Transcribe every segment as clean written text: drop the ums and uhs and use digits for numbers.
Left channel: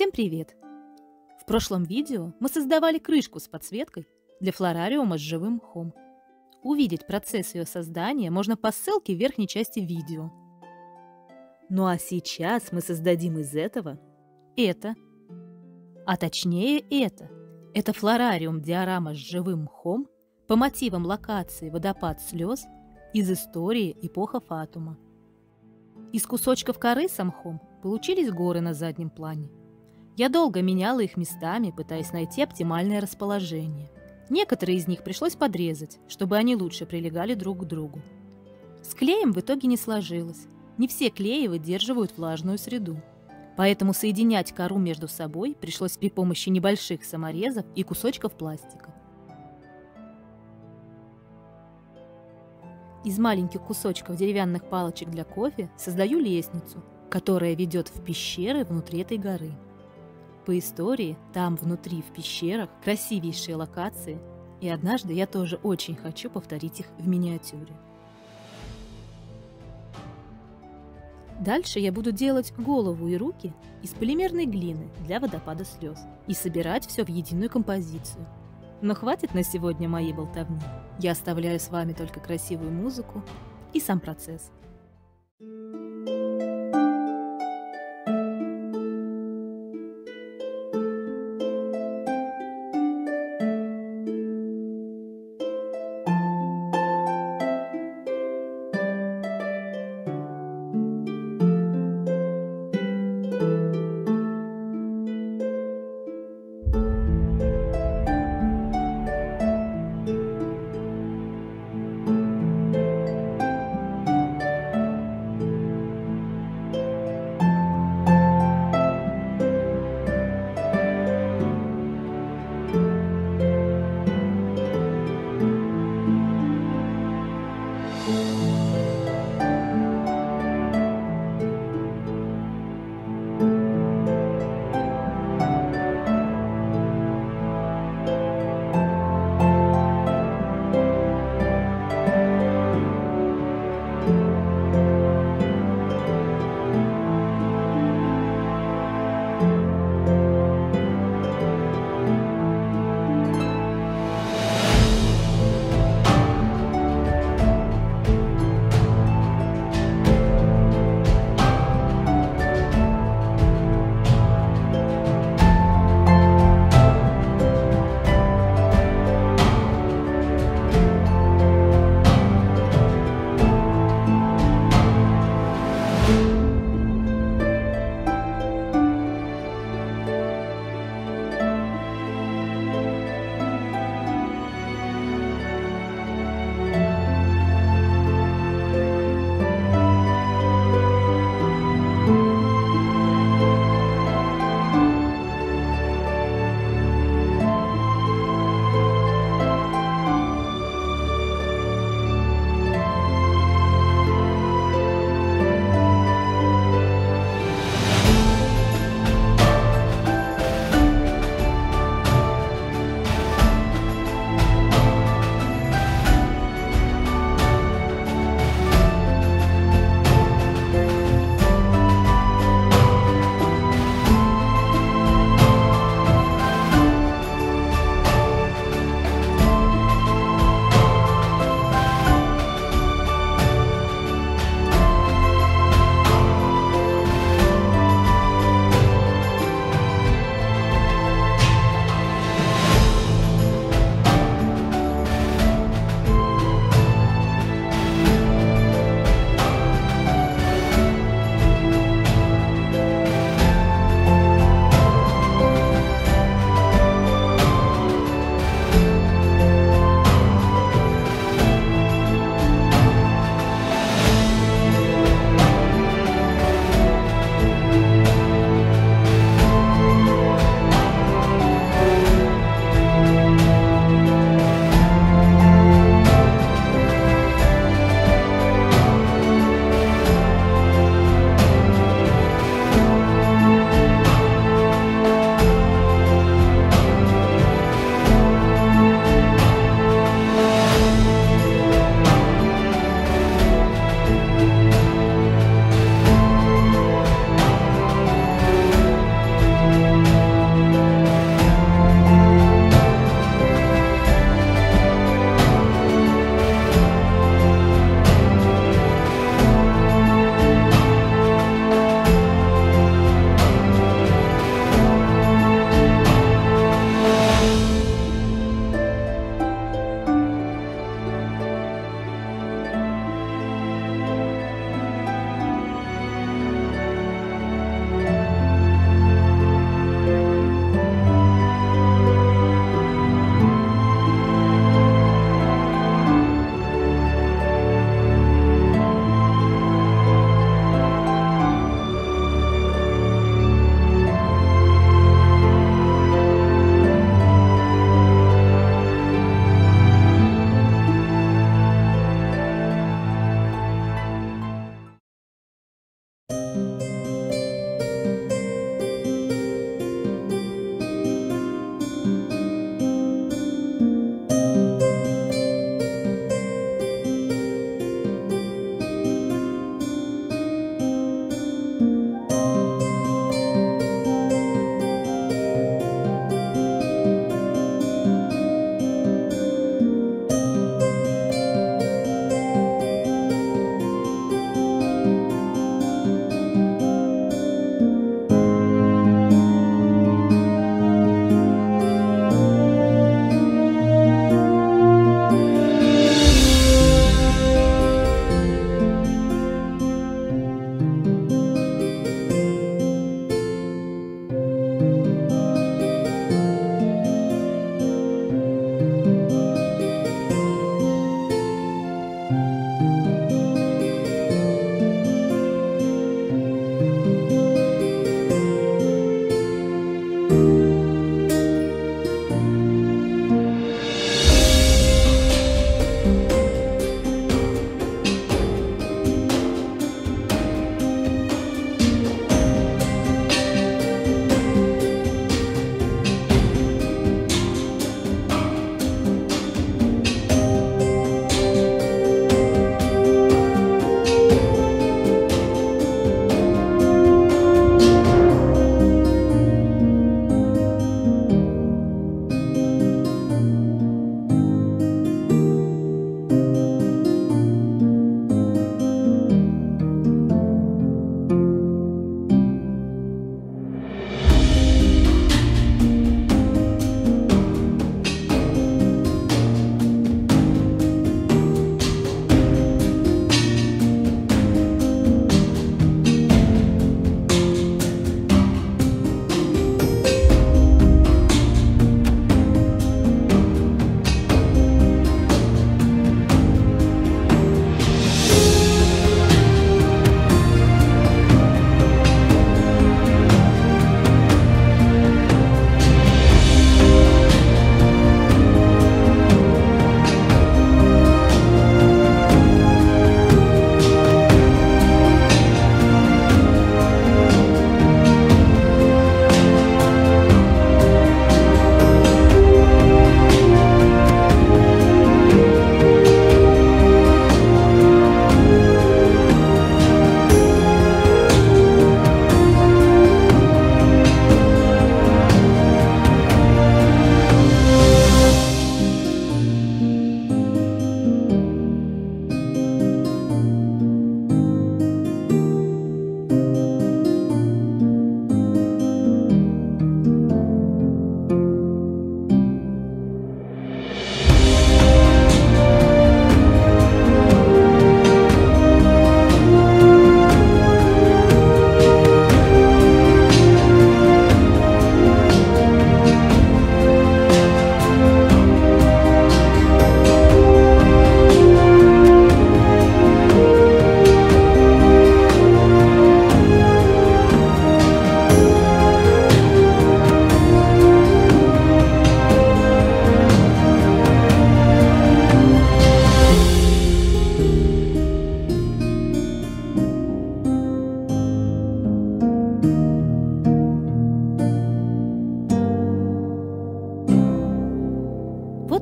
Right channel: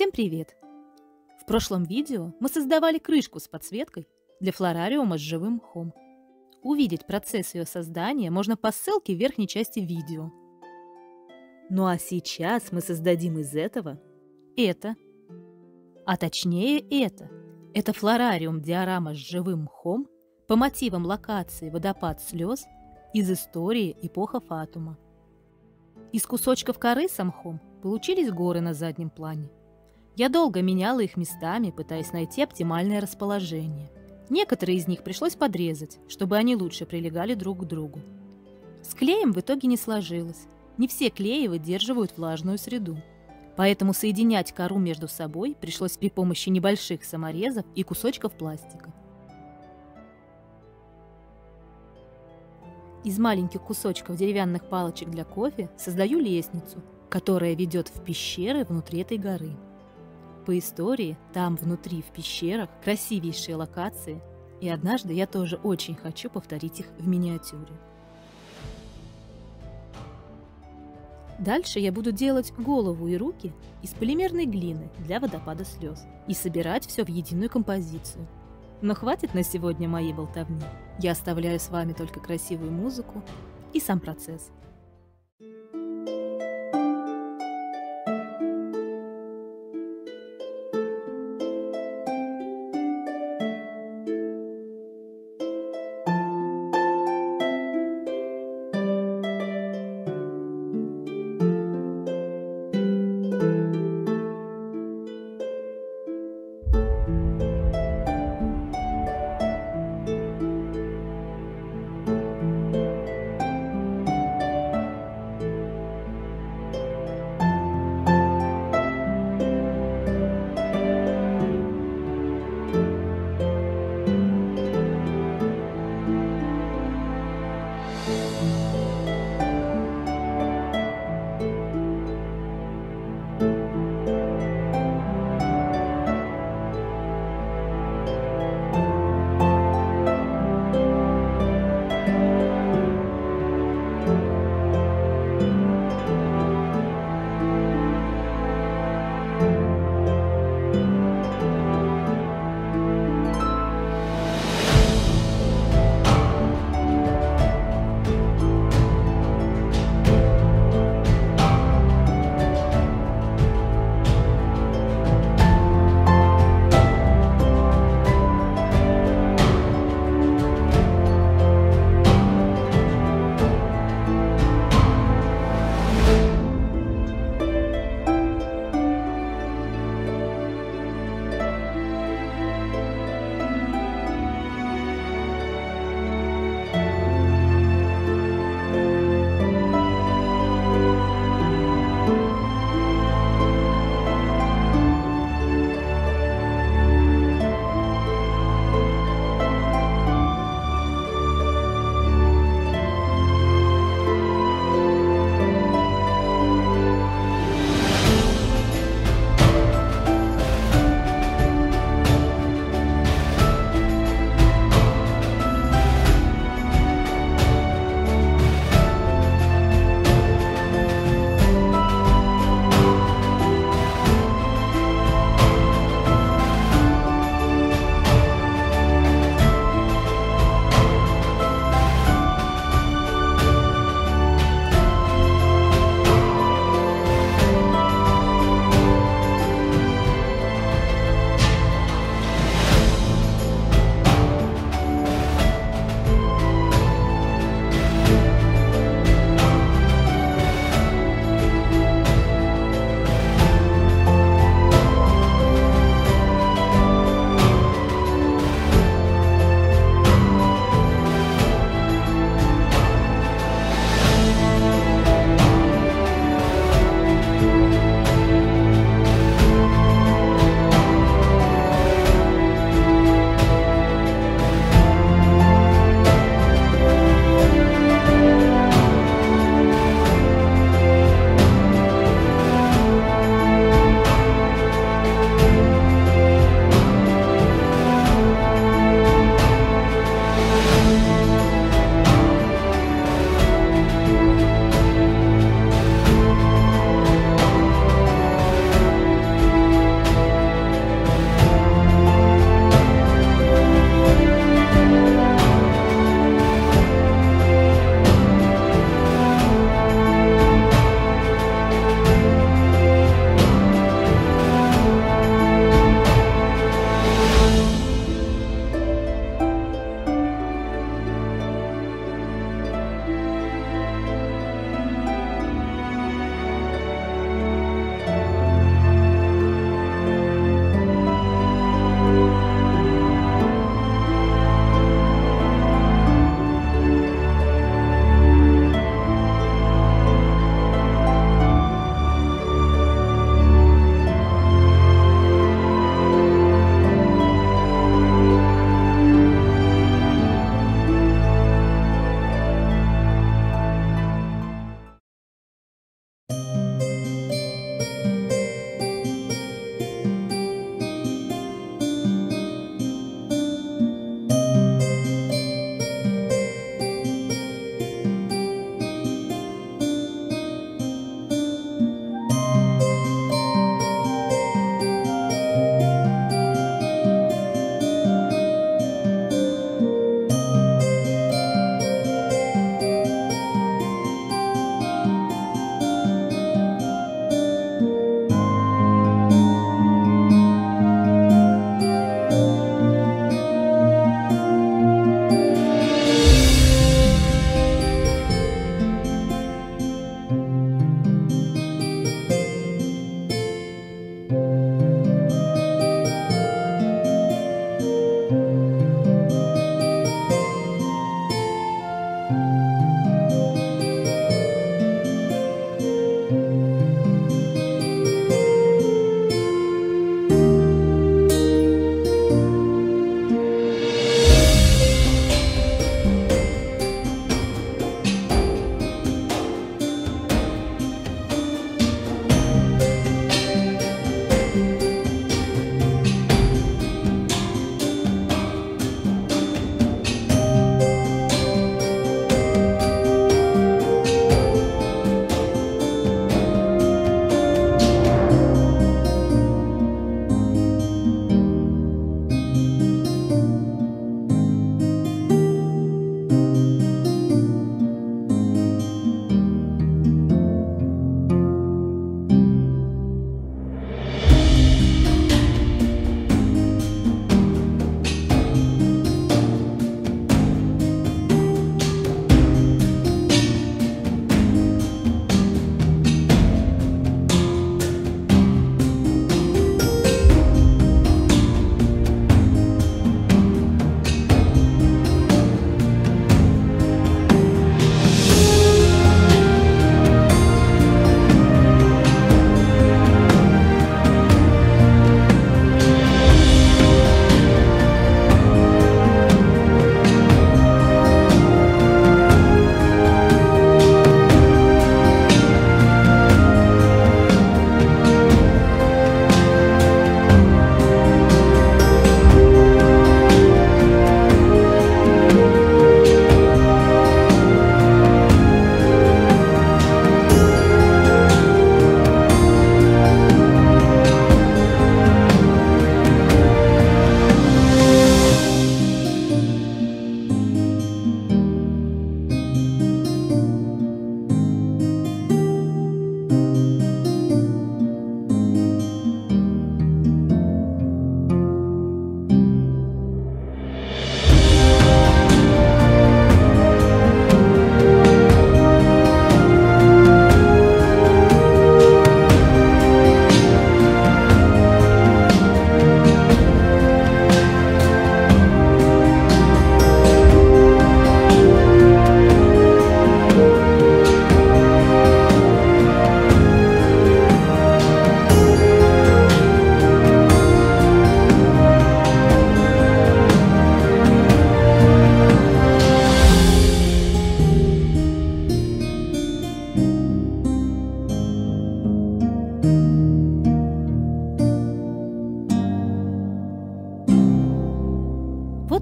Всем привет! В прошлом видео мы создавали крышку с подсветкой для флорариума с живым мхом. Увидеть процесс ее создания можно по ссылке в верхней части видео. Ну а сейчас мы создадим из этого это. А точнее это. Это флорариум диорама с живым мхом по мотивам локации «Водопад слез» из истории «Эпоха Фатума». Из кусочков коры с мхом получились горы на заднем плане. Я долго меняла их местами, пытаясь найти оптимальное расположение. Некоторые из них пришлось подрезать, чтобы они лучше прилегали друг к другу. С клеем в итоге не сложилось. Не все клеи выдерживают влажную среду. Поэтому соединять кору между собой пришлось при помощи небольших саморезов и кусочков пластика. Из маленьких кусочков деревянных палочек для кофе создаю лестницу, которая ведет в пещеры внутри этой горы. По истории, там внутри, в пещерах, красивейшие локации, и однажды я тоже очень хочу повторить их в миниатюре. Дальше я буду делать голову и руки из полимерной глины для водопада слез и собирать все в единую композицию. Но хватит на сегодня моей болтовни. Я оставляю с вами только красивую музыку и сам процесс.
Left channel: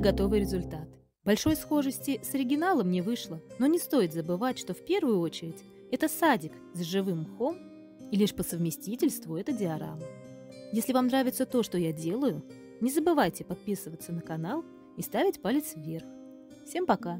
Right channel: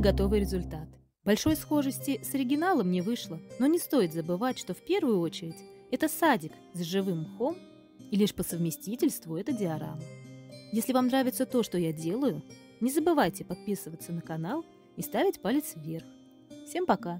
и готовый результат. Большой схожести с оригиналом не вышло, но не стоит забывать, что в первую очередь это садик с живым мхом, и лишь по совместительству это диорама. Если вам нравится то, что я делаю, не забывайте подписываться на канал и ставить палец вверх. Всем пока!